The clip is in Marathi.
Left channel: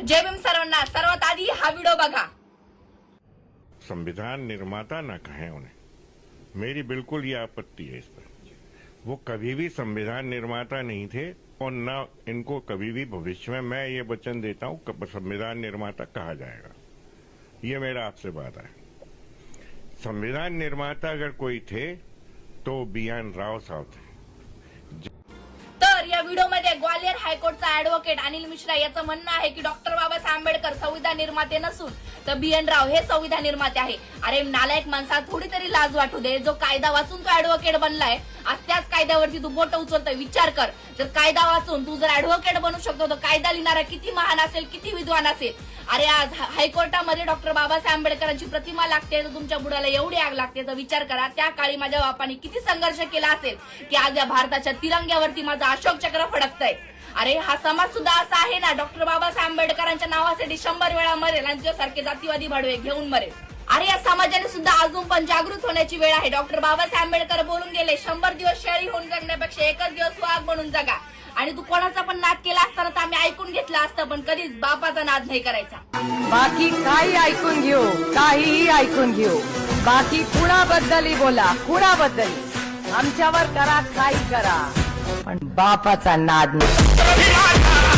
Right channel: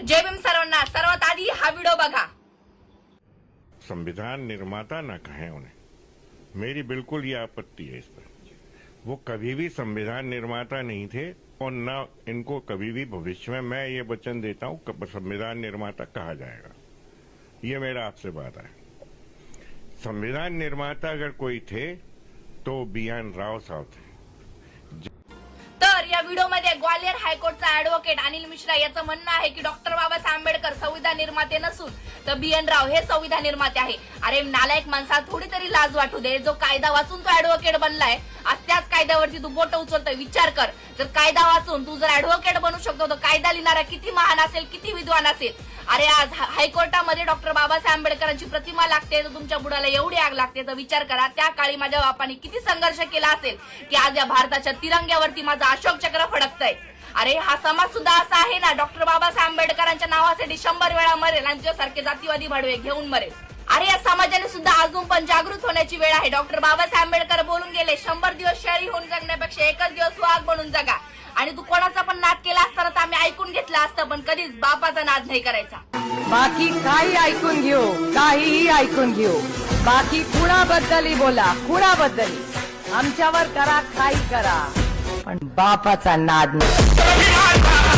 नमस्कार, जय भीम सर्वांना। सर्वात आधी हा व्हिडिओ बघा। संविधान निर्माता न कहें उन्हें, मेरी बिल्कुल ये आपत्ति है इस पर। वो कभी भी संविधान निर्माता नहीं थे और न इनको कभी भी भविष्य में मैं ये वचन देता हूं कि संविधान निर्माता कहा जाएगा। ये मेरा आपसे वादा है। संविधान निर्माता अगर कोई थे तो BN राव साहब थे। तर या व्हिडिओमध्ये ग्वालियर हायकोर्टचा ऍडव्होकेट अनिल मिश्रा याचं म्हणणं आहे की डॉक्टर बाबासाहेब आंबेडकर संविधान निर्माते नसून तर BN राव हे संविधान निर्माते आहे। अरे नालायक माणसा, थोडी तरी लाज वाटू दे। जो कायदा वाचून तो ऍडव्होकेट बनलाय, आज त्याच कायद्यावरती तू बोट उचलतोय। विचार कर, जर कायदा वाचून तू जर ऍडव्होकेट बनू शकतो तर कायदा लिहिणारा किती महान असेल, किती विद्वान असेल। अरे आज हायकोर्टामध्ये डॉक्टर बाबासाहेब आंबेडकरांची प्रतिमा लागते तर तुमच्या बुडाला एवढी आग लागते। तर विचार करा, त्या काळी माझ्या बापाने किती संघर्ष केला असेल की आज या भारताच्या तिरंग्यावरती माझा अशोक चक्र फडकतंय। अरे हा समाज सुद्धा असा आहे ना, डॉक्टर बाबासाहेब आंबेडकरांच्या नावासाठी 100 वेळा मरेल आणि तुझ्यासारखे जातीवादी भाडवे घेऊन मरेल। अरे या समाजाने सुद्धा अजून पण जागृत होण्याची वेळ आहे। डॉक्टर बाबासाहेब आंबेडकर बोलून गेले, 100 दिवस शहरी होऊन जगण्यापेक्षा एकच दिवस वाघ बनून जगा। आणि तू कोणाचा पण नाद केला असता तर आम्ही ऐकून घेतला असतं, पण कधीच बापाचा नाद नाही करायचा। बाकी काही ऐकून घेऊ, काहीही ऐकून घेऊ, बाकी कुणाबद्दलही बोला, कुणाबद्दलही आमच्यावर करा, काही करा, पण बापाचा नाद नाही।